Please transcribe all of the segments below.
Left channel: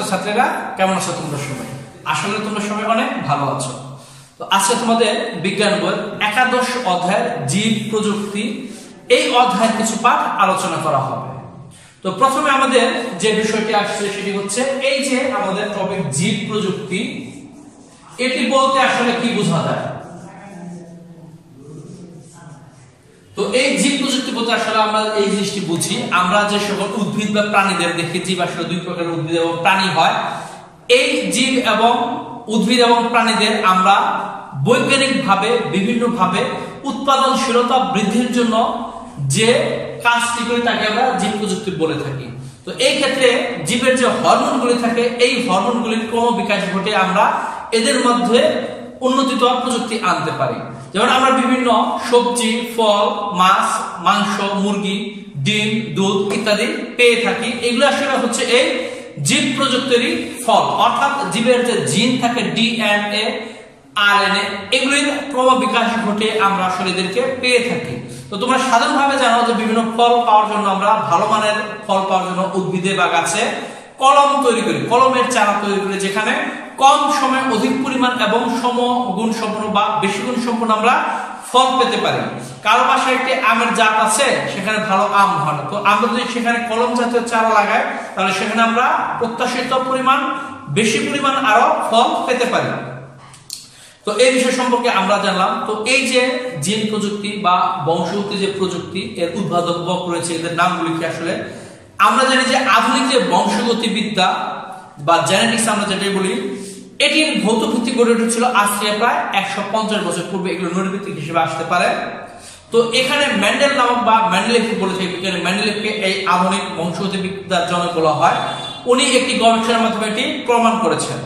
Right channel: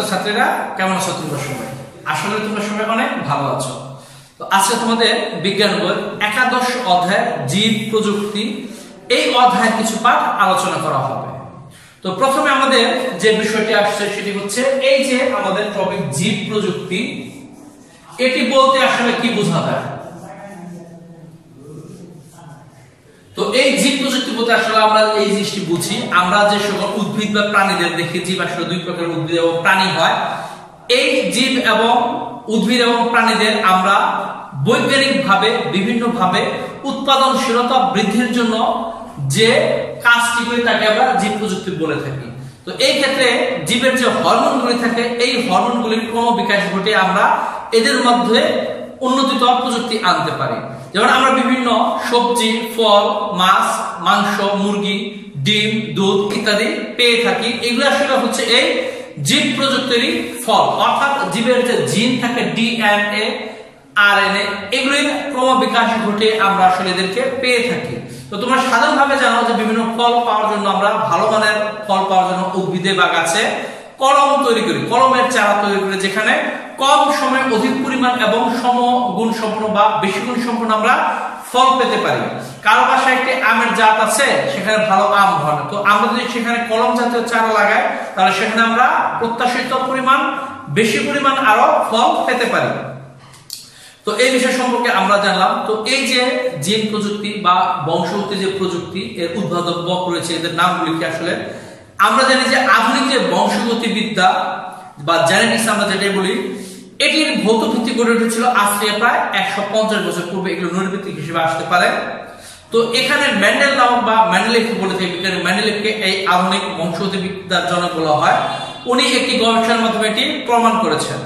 ছাত্রছাত্রীরা, কেমন আছো তোমরা সবাই? আসলে তোমরা সবাই অনেক ভালো আছো। তো আজকে তোমাদের বিজ্ঞান বইয়ের একাদশ অধ্যায়ের জীব প্রযুক্তি এই অধ্যায়ের কিছু পাঠ আলোচনা করা হবে। তো প্রথমে আমাদের যে বিষয়টি আসছে সেটি হচ্ছে এই যে আমাদের টপিক জীব প্রযুক্তি, এটি বলতে আসলে কি বোঝা যায়? তো এই জীব প্রযুক্তি বলতে আসলে আমরা এই জিনিসটি বুঝি, আমরা যে সকল উদ্ভিদ বা প্রাণীদের দেখি, জীব আসলে দুই প্রকারের উদ্ভিদ এবং প্রাণী হয়। এই জীব এবং উদ্ভিদ এবং প্রাণীদের আমরা বৈজ্ঞানিক ভাবে বিভিন্ন ভাবে উৎপাদনশীলতা বৃদ্ধির জন্য যে কাজটি করি তাকে আমরা জীব প্রযুক্তি বলে থাকি। তো এই ক্ষেত্রে জীবের যে হরমোনগুলি থাকে, এই হরমোনগুলির ক্রমবিকাশ ঘটে আমরা এদের মধ্যে উন্নতিতর প্রযুক্তি আনতে পারি। যেমন আমরা বিভিন্ন সবজি, ফল, মাছ, মাংস, মুরগি, ডিম, দুধ ইত্যাদি পেয়ে থাকি। এগুলো আসলে হচ্ছে এই জীব প্রযুক্তিরই ফল, অর্থাৎ জীবের যে জিন থাকে ডিএনএ, আরএনএ, এগুলির ক্রমবিকাশ ঘটে আমরা আসলে এদেরকে পেয়ে থাকি। তো তোমরা সাধারণভাবে জানো যে বিভিন্ন ফল পাওয়ার জন্য আমরা ভালো মানের ফল পাওয়ার জন্য উদ্ভিদে বা গাছে কলম তৈরি করি, কলমের চারা তৈরি করি, যেখানে কম সময়ে অধিক পরিমাণ এবং সমগুণ সম্পন্ন বা বেশি গুণ সম্পন্ন আমরা ফল পেতে পারি। কারো বাসায় একটি আমের জাত আছে, সেখানে ভালো আম হয় না, তো আমরা যদি সেখানে কলম জাতীয় চারা লাগাই তাহলে সেখানে আমরা প্রত্যাশিত পরিমাণ বেশি পরিমাণ আরো ফল পেতে পারি। তো এই বিষয় সম্পর্কে আমরা জানলাম। তো এই যে জিন প্রযুক্তি বা বংশগতি যে প্রযুক্তি, এর উদ্ভাবক রয়েছে, এদের নামগুলি কি? আসলে আমরা জানি যে আধুনিক যে বংশগতি বিদ্যা বা জেনেটিক্স আমরা যেটাই বলি, এটির ভৌত ভিত্তি গড়ে উঠেছিল আজ থেকে প্রায় 150 বছর পূর্বে। এগুলো নৈর্ভিত্তিক হিসেবে আসতে পারে। তো এখানে মেন্ডেল নামক বা মেন্ডেলিফ বলে থাকে বিজ্ঞানী, মেন্ডেলিফকে এই আধুনিক বংশগতি বিদ্যার জনক বলা হয়। উনি একটি গবেষণার মাধ্যমে এটি প্রমাণ করেছেন।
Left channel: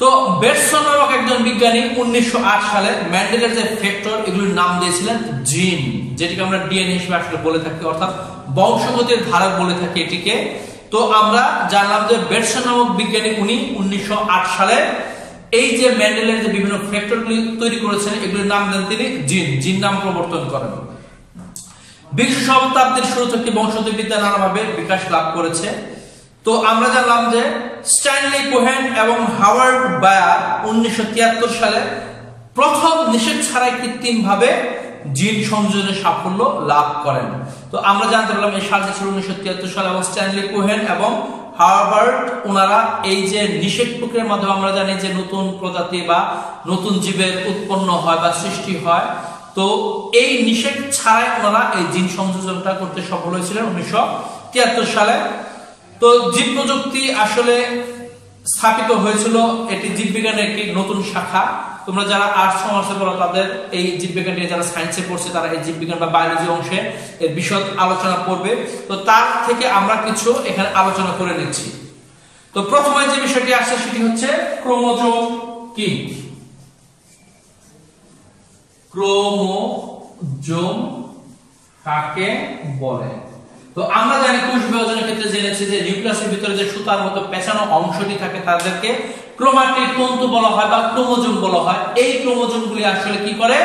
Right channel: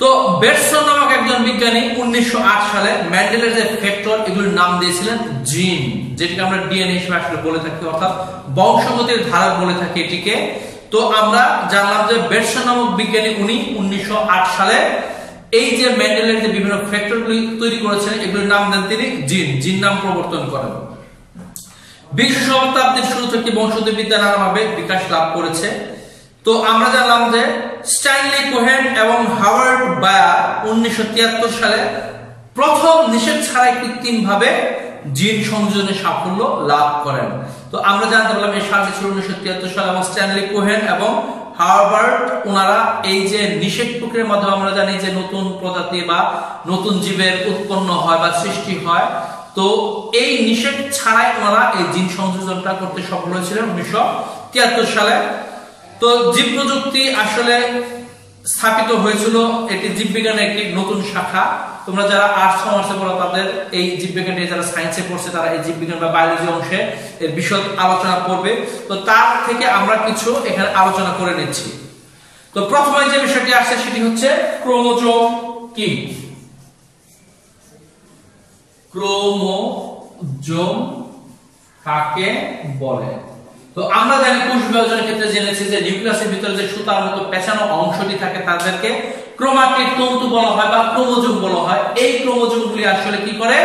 তো বেটসন নামক একজন বিজ্ঞানী 1908 সালে মেন্ডেলের যে ফ্যাক্টর, এগুলোর নাম দিয়েছিলেন জিন, যেটিকে আমরা ডিএনএ হিসেবে আসলে বলে থাকি, অর্থাৎ বংশগতির ধারক বলে থাকি এটিকে। তো আমরা জানলাম যে বেটসন নামক বিজ্ঞানী উনি 1908 সালে এই যে মেন্ডেলের যে বিভিন্ন ফ্যাক্টরগুলি তৈরি করেছেন, এগুলোর নাম দেন তিনি জিন নাম প্রবর্তন করেন। 20 শতাব্দীর শুরু থেকে বংশগতি বিদ্যা নানাভাবে বিকাশ লাভ করেছে। তো আমরা জানলাম যে স্ট্যানলি কোহেন এবং হাওয়ার্ড বায়ার 1973 সালে প্রথম নিষেধ ছাড়াই কৃত্রিমভাবে জিন সংযোজনের সাফল্য লাভ করেন। তো আমরা জানতে পারলাম এই সালটি ছিল 1973 সাল, এবং স্ট্যানলি কোহেন এবং হার্বার্ট ওনারা এই যে নিষেধ প্রক্রিয়ার মাধ্যমে আমরা জানি যে নতুন প্রজাতি বা নতুন জীবের উৎপন্ন হয় বা সৃষ্টি হয়। তো এই নিষেধ ছাড়াই ওনারা এই জিন সংযোজনটা করতে সফল হয়েছিলেন 1973 সালে। তো জীব প্রযুক্তি আসলে স্থাপিত হয়েছিল, এটি জীববিজ্ঞানের একটি নতুন শাখা। তোমরা যারা আর্টস কমার্সে পড়ো তাদের এই জীববিজ্ঞান নিয়ে, যারা সায়েন্সে পড়ছে তারা এই জীববিজ্ঞান বা বায়োলজি অংশে এর বিশদ আলোচনা করবে। তো তার থেকে আমরা কিছু এখানে আলোচনা করে নিচ্ছি। তো প্রথমে যে বিষয়টি আসছে সেটি হচ্ছে ক্রোমোজোম কি? ক্রোমোজোম কাকে বলে? তো আমরা জানি কোষ বিভাজনের ক্ষেত্রে জেনেছি যে নিউক্লিয়াসের ভিতরে যে সুতার মতো পেঁচানো অংশটি থাকে তাদেরকে ক্রোমাটিড তন্তু বলা হয় বা ক্রোমোজোম বলা হয়। এই ক্রোমোজোমগুলি আসলে কি করে?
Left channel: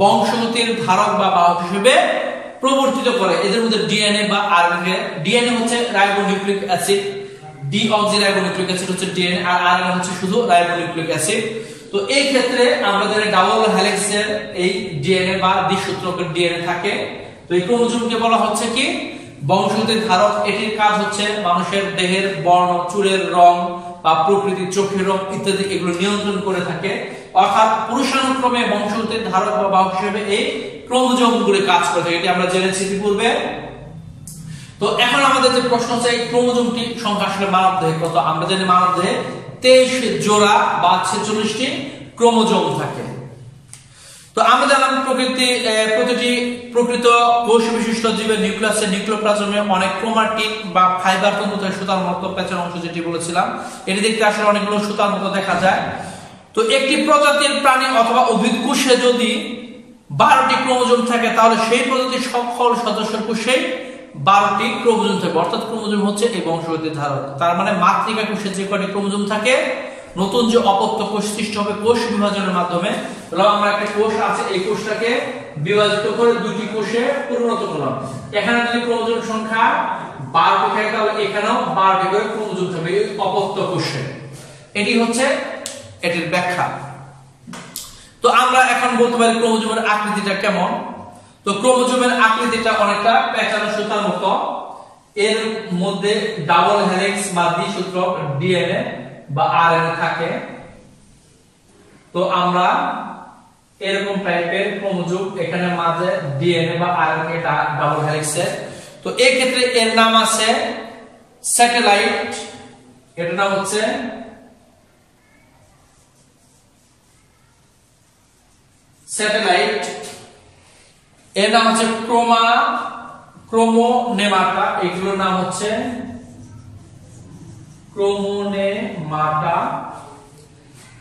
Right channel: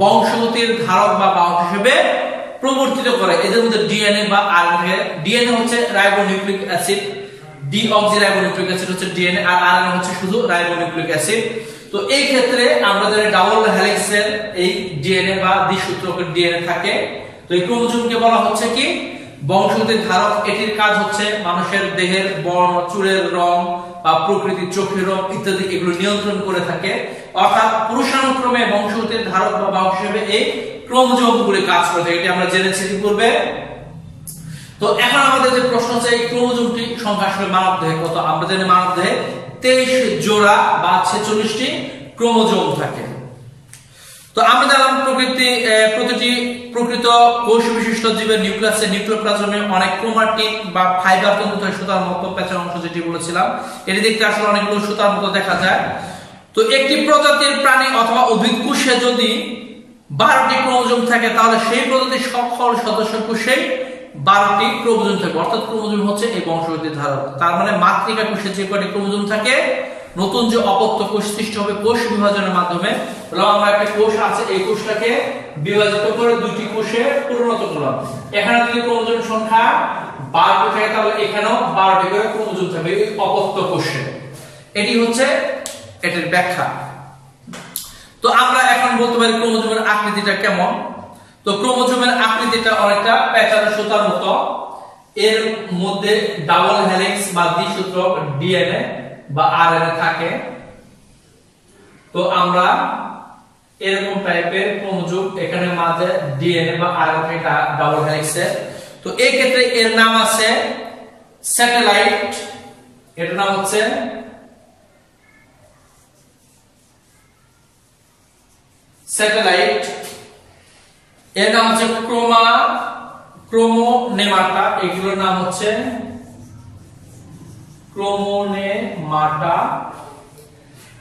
বংশগতির ধারক বা বাহক হিসেবে প্রবর্তিত করে। এদের মধ্যে ডিএনএ বা আরএনএ, ডিএনএ হচ্ছে রাইবোনিউক্লিক অ্যাসিড, ডিঅক্সিরাইবোনিউক্লিক অ্যাসিড হচ্ছে ডিএনএ, আর আরএনএ হচ্ছে শুধু রাইবোনিউক্লিক অ্যাসিড। তো এই ক্ষেত্রে আমরা জানি ডাবল হেলিক্সের এই ডিএনএ বা দ্বিসূত্রকের ডিএনএ থাকে। তো এই ক্রোমোজোমকে বলা হচ্ছে কি? বংশগতির ধারক। এটির কাজ হচ্ছে মানুষের দেহের বর্ণ, চুলের রং বা প্রকৃতির চোখের রং ইত্যাদি এগুলো নিয়ন্ত্রণ করে থাকে। অর্থাৎ পুরুষানুক্রমে বংশগতির ধারক বা বাহক হিসেবে এই ক্রোমোজোমগুলি কাজ করে থাকে, এটি আমরা জেনেছি পূর্বে। তো এখন আমাদের যে প্রশ্ন হচ্ছে এই ক্রোমোজোমটি সংখ্যা আসলে মানব দেহে কত? আমরা জানি মানব দেহে 23 জোড়া বা 46টি ক্রোমোজোম থাকে। তো আমরা জানলাম প্রতিটি প্রকৃত কোষ বিশিষ্ট জীবের নিউক্লিয়াসে, নিউক্লিওপ্লাজমে অনেক ক্রোমাটিন বা ফাইবার তন্তু থাকে, সুতার মতো পেঁচানো অংশ যেটি বলেছিলাম। এটি দেখতে আসলে অনেকগুলো সুতার মতো দেখা যায়। তো একটি প্রজাতির প্রাণী অথবা উদ্ভিদ কোষে যদি 12টি ক্রোমোজোম থাকে, তাহলে সেই প্রজাতির সকল সদস্য কোষে 12টি ক্রোমোজোম থাকে, অর্থাৎ ক্রোমোজোম হচ্ছে এই বংশগতির ধারক। তার মানে মাতৃকা কোষে যে কয়টি ক্রোমোজোম থাকে নতুন যে অপত্য কোষ সৃষ্টি হবে কোষ বিভাজনের মাধ্যমে। তাহলে আমরা একটা কোষ আছে, এই কোষটাকে বিভাজিত করে দুইটি কোষে পরিণত করলাম। এখানে যদি ক্রোমোজোম সংখ্যা 12টি থাকে তাহলে এখানেও 12টি করে ক্রোমোজোম থাকবে এই অপত্য কোষে। এটি হচ্ছে এটির ব্যাখ্যা। তো আমরা এখন বলতে পারি ক্রোমোজোমের আকৃতিটা কেমন। তো ক্রোমোজোমের আকৃতিটা অনেকটা পেঁচানো সুতার মতো। এর মধ্যে ডাবল হেলিক্স বা দ্বিসূত্রক ডিএনএ বা আরএনএ থাকে। তো আমরা এরকম টাইপের ক্রোমোজোম, এখানে মাঝে ডিএনএ বা আরএনএ ডাবল হেলিক্সে। তো এই ক্ষেত্রে এর নাম আছে স্যাটেলাইট, এটার নাম হচ্ছে স্যাটেলাইট, এর নাম হচ্ছে ক্রোমোনেমাটা, এগুলোর নাম হচ্ছে ক্রোমোনেমাটা।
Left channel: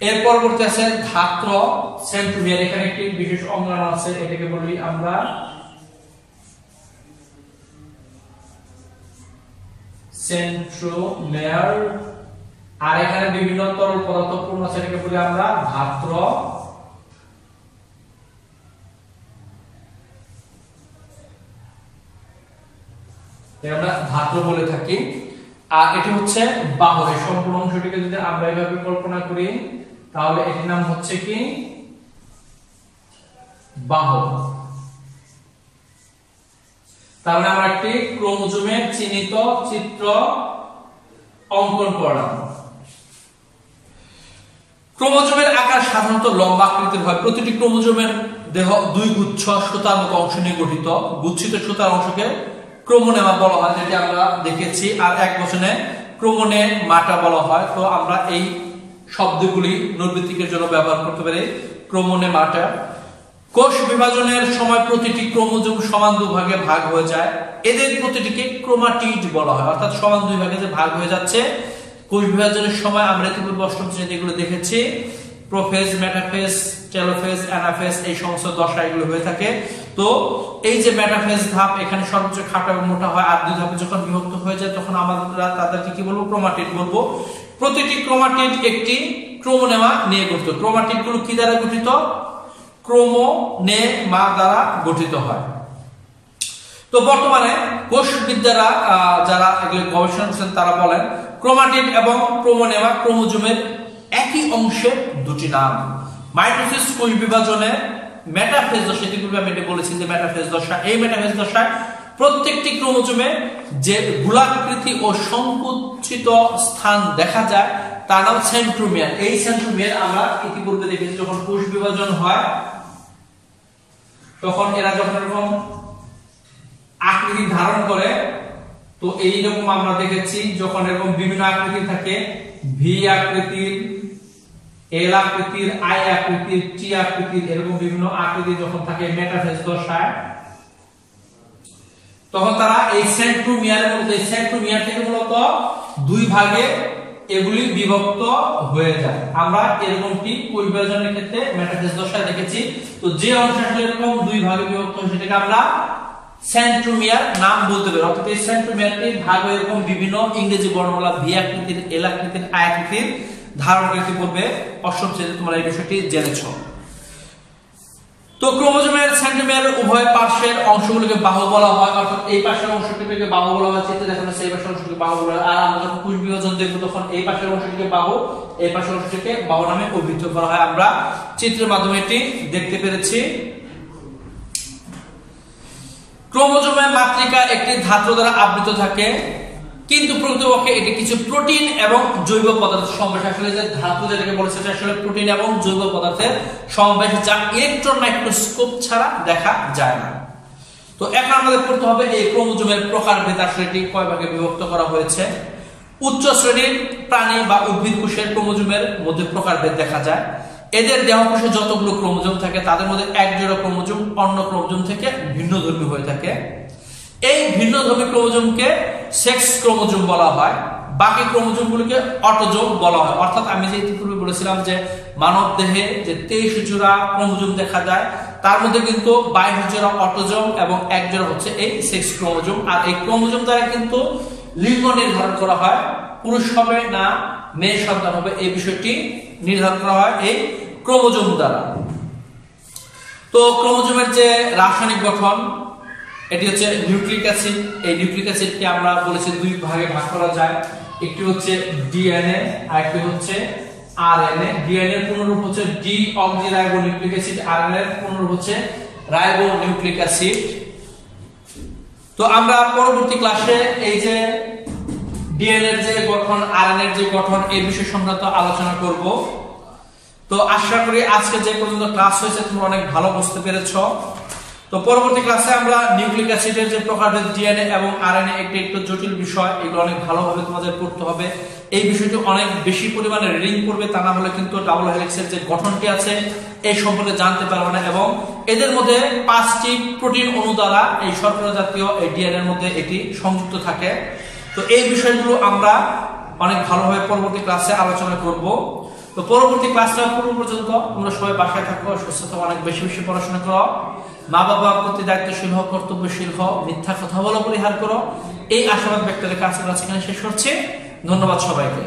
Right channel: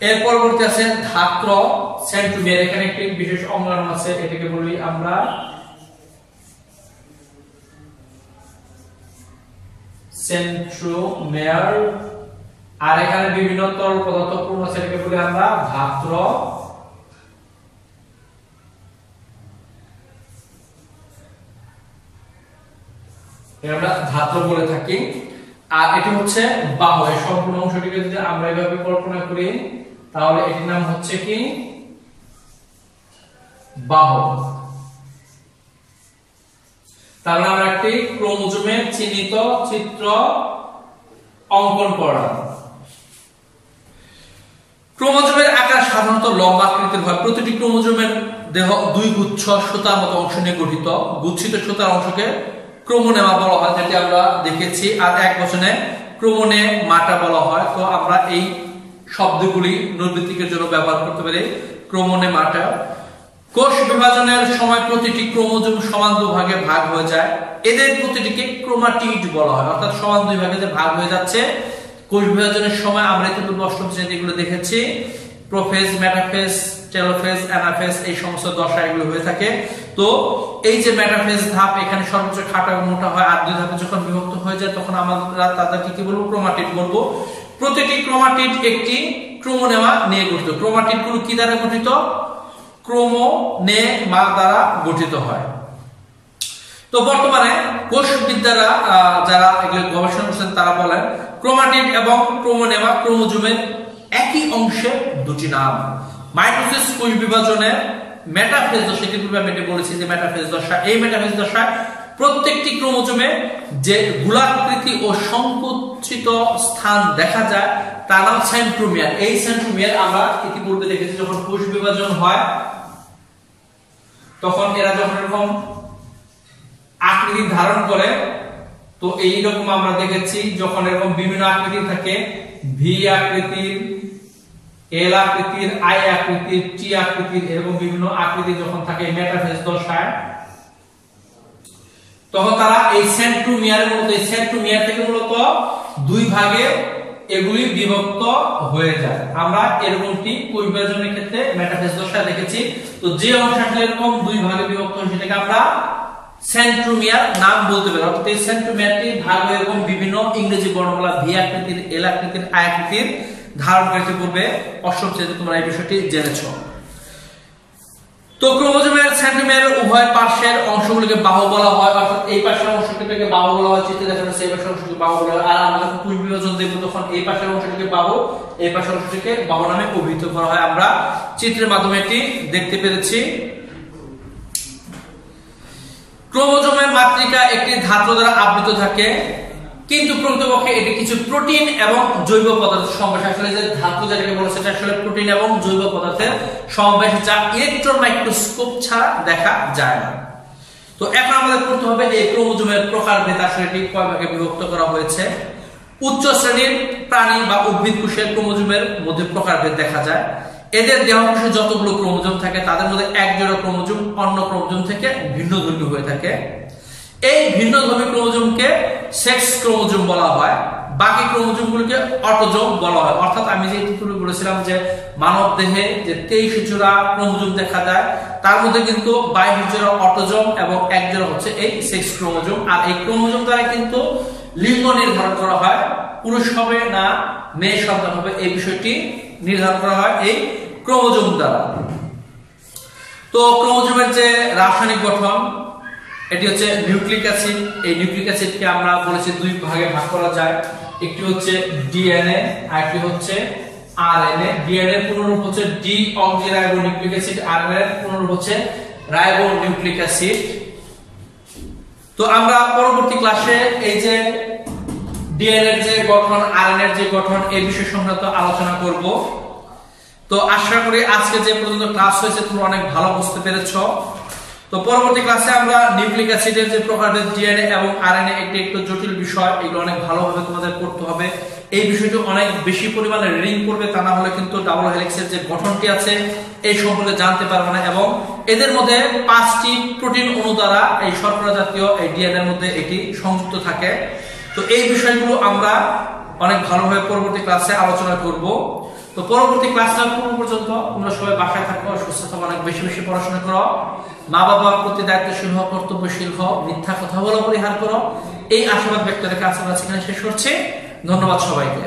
এর পরবর্তী আছে ধাত্র সেন্ট্রোমিয়ার, এখানে একটি বিশেষ অঙ্গাণু আছে, এটাকে বলি আমরা সেন্ট্রোমিয়ার। আর এখানে বিভিন্ন তরল পদার্থ পূর্ণ আছে, এটাকে বলি আমরা ধাত্র। আমরা ধাত্র বলে থাকি। আর এটি হচ্ছে বাহু। এই সম্পূর্ণ অংশটিকে যদি আমরা এভাবে কল্পনা করি তাহলে এটির নাম হচ্ছে কি বাহু। তাহলে আমরা একটি ক্রোমোজোমের চিহ্নিত চিত্র অঙ্কন করলাম। ক্রোমোজোমের আকার সাধারণত লম্বা আকৃতির হয়। প্রতিটি ক্রোমোজোমের দেহ দুই গুচ্ছ সুতার মতো অংশ নিয়ে গঠিত। গুচ্ছিত সুতার অংশকে ক্রোমোনেমা বলা হয়, যেটি আমরা দেখেছি। আর এক বচনে ক্রোমোনেমাটা বলা হয়। তো আমরা এই শব্দগুলি নৈর্ব্যক্তিকের জন্য ব্যবহার করতে পারি। ক্রোমোনেমাটা। কোষ বিভাজনের সময় প্রতিটি ক্রোমোজোম সমান দুভাগে ভাগ হয়ে যায়। এদের প্রতিটিকে ক্রোমাটিড বলা হয়, অর্থাৎ সমান দুই ভাগে যে ভাগ হয়ে যাচ্ছে। কোষ বিভাজনের সময় আমরা ইতিপূর্বে অষ্টম শ্রেণীতে এগুলো দেখেছি। প্রোফেজ, মেটাফেজ, টেলোফেজ, অ্যানাফেজ, এই সমস্ত দশা এগুলো হয়ে থাকে। তো এই যে মেটাফেজ ধাপ, এখানে সর্বোচ্চ খাটো এবং মোটা হয়। আর দুই ধাপে যখন বিভক্ত হয়ে যায় তখন আমরা তাদেরকে কি বলবো? ক্রোমাটিড বলবো। প্রতিটি ক্রোমাটিড একটি ক্রোমোনেমা নিয়ে গঠিত। ক্রোমাটিড গুলো কি দ্বারা গঠিত? ক্রোমোনেমা দ্বারা গঠিত হয়। তো বর্তমানে কোষবিদরা যারা এগুলো গবেষণা করছেন তারা বলেন ক্রোমাটিড এবং ক্রোমোনেমা ক্রোমোজোমের একই অংশের দুটি নাম। মাইটোসিস কোষ বিভাজনের মেটাফেজ দশা, ইতিপূর্বে আমি বলেছি যে মেটাফেজ দশা, এই মেটাফেজ দশায় প্রত্যেকটি ক্রোমোজোমে যে গোলাকৃতি ও সংকুচিত স্থান দেখা যায় তার নাম সেন্ট্রোমিয়ার। এই সেন্ট্রোমিয়ার আমরা ইতিপূর্বে দেখেছি যখন কোষ বিভাজন হয় তখন এরা যখন এরকম আকৃতি ধারণ করে, তো এইরকম আমরা দেখেছি যখন এরকম বিভিন্ন আকৃতি থাকে, ভি আকৃতির, এল আকৃতির, আই আকৃতির, টি আকৃতির, এরকম বিভিন্ন আকৃতি যখন থাকে মেটাফেজ দশায়, তখন তারা এই সেন্ট্রোমিয়ারের মধ্যে, সেন্ট্রোমিয়ার থেকে মূলত দুই ভাগে এগুলি বিভক্ত হয়ে যায়। আমরা এরকমটি কোষ বিভাজনের ক্ষেত্রে মেটাফেজ দশায় দেখেছি। তো যে অংশটা এরকম দুই ভাগে বিভক্ত হয় সেটাকে আমরা সেন্ট্রোমিয়ার নাম বলতে পারি। অর্থাৎ এই সেন্ট্রোমিয়ারটি ভাগ হয়ে এরকম বিভিন্ন ইংরেজি বর্ণমালা ভি আকৃতির, এল আকৃতির, আই আকৃতির ধারণ করে পূর্বে অষ্টম শ্রেণীতে তোমরা এই বিষয়টি জেনেছো। তো ক্রোমোজোমের সেন্ট্রোমিয়ারের উভয় পার্শ্বের অংশগুলোকে বাহু বলা হয়, অর্থাৎ এই পাশের অংশটিকে বাহু বলা হয়, চিত্রে দেখানো সেই পাশের অংশটিকে বাহু বলা হয়। আর আমরা যখন কোষ বিভাজন দেখব তখন এই পাশের অংশটিকে বাহু, এই পাশের অংশটিকে বাহু নামে অভিহিত করা হয়। আমরা চিত্রের মাধ্যমে এটি দেখতে পেরেছি। ক্রোমোজোমের মাতৃকা একটি ধাত্র দ্বারা আবৃত থাকে, কিন্তু প্রকৃতপক্ষে এটি কিছু প্রোটিন এবং জৈব পদার্থের সমাবেশ। আসলে যে ধাতু যেটাকে বলে সেটা আসলে প্রোটিন এবং জৈব পদার্থের সমাবেশ, যা ইলেকট্রন মাইক্রোস্কোপ ছাড়া দেখা যায় না। তো এখন আমাদের করতে হবে এই ক্রোমোজোমের প্রকারভেদ, আসলে এটি কয় ভাগে বিভক্ত করা হয়েছে। উচ্চ শ্রেণীর প্রাণী বা উদ্ভিদ কোষের ক্রোমোজোমের মধ্যে প্রকারভেদ দেখা যায়। এদের দেহকোষে যতগুলো ক্রোমোজোম থাকে তাদের মধ্যে এক জোড়া ক্রোমোজোম অন্য ক্রোমোজোম থেকে ভিন্নধর্মী হয়ে থাকে। এই ভিন্নধর্মী ক্রোমোজোমকে সেক্স ক্রোমোজোম বলা হয়, বাকি ক্রোমোজোমগুলোকে অটোজোম বলা হয়। অর্থাৎ আমি যে ইতিপূর্বে বলেছিলাম যে মানব দেহে যে 23 জোড়া ক্রোমোজোম দেখা যায়, তার মধ্যে কিন্তু 22 জোড়া অটোজোম এবং এক জোড়া হচ্ছে এই সেক্স ক্রোমোজোম। আর এই ক্রোমোজোম দ্বারা কিন্তু লিঙ্গ নির্ধারণ করা হয়, পুরুষ হবে না মেয়ে সন্তান হবে এই বিষয়টি নির্ধারণ করা হয় এই ক্রোমোজোম দ্বারা। তো ক্রোমোজোমের যে রাসায়নিক গঠন এটি হচ্ছে নিউক্লিক অ্যাসিড। এই নিউক্লিক অ্যাসিডকে আমরা বলেছি দুই ভাগে ভাগ করা যায়, একটি হচ্ছে ডিএনএ আর একটি হচ্ছে আরএনএ। ডিএনএ এর পুনরূপ হচ্ছে ডিঅক্সিরাইবোনিউক্লিক অ্যাসিড, আরএনএ এর পুনরূপ হচ্ছে রাইবোনিউক্লিক অ্যাসিড। তো আমরা পরবর্তী ক্লাসে এই যে ডিএনএ এর যে গঠন, আরএনএ এর যে গঠন এই বিষয় সংক্রান্ত আলোচনা করব। তো আশা করি আজকে যে পর্যন্ত ক্লাস হয়েছে তোমরা অনেক ভালো বুঝতে পেরেছো। তো পরবর্তী ক্লাসে আমরা নিউক্লিক অ্যাসিডের যে প্রকারভেদ ডিএনএ এবং আরএনএ একটু জটিল বিষয়, এগুলো অনেক ভালোভাবে তোমাদের করতে হবে। এই বিষয়টি অনেক বেশি পরিমাণে রিডিং করবে, তা না হলে কিন্তু ডাবল হেলিক্সের যে গঠনটি আছে এই সম্পর্কে জানতে পারবে না। এবং এদের মধ্যে 5টি প্রোটিন অণু দ্বারা এই শর্করা জাতীয় এই ডিএনএ এর মধ্যে এটি সংযুক্ত থাকে। তো এই বিষয়গুলো আমরা অনেক ভালোভাবে পরবর্তী ক্লাসে আলোচনা করব। তো পরবর্তী ক্লাসটা পর্যন্ত তোমরা সবাই বাসায় থাকো, সুস্থ থাকো, অনেক বেশি বেশি পড়াশোনা করো, মা বাবার প্রতি দায়িত্বশীল হও, কর্তব্যশীল হও, মিথ্যা কথা বলা পরিহার করো। এই আশাবাদ ব্যক্ত রেখে আজকের ক্লাস এখানে শেষ করছি। ধন্যবাদ সবাইকে।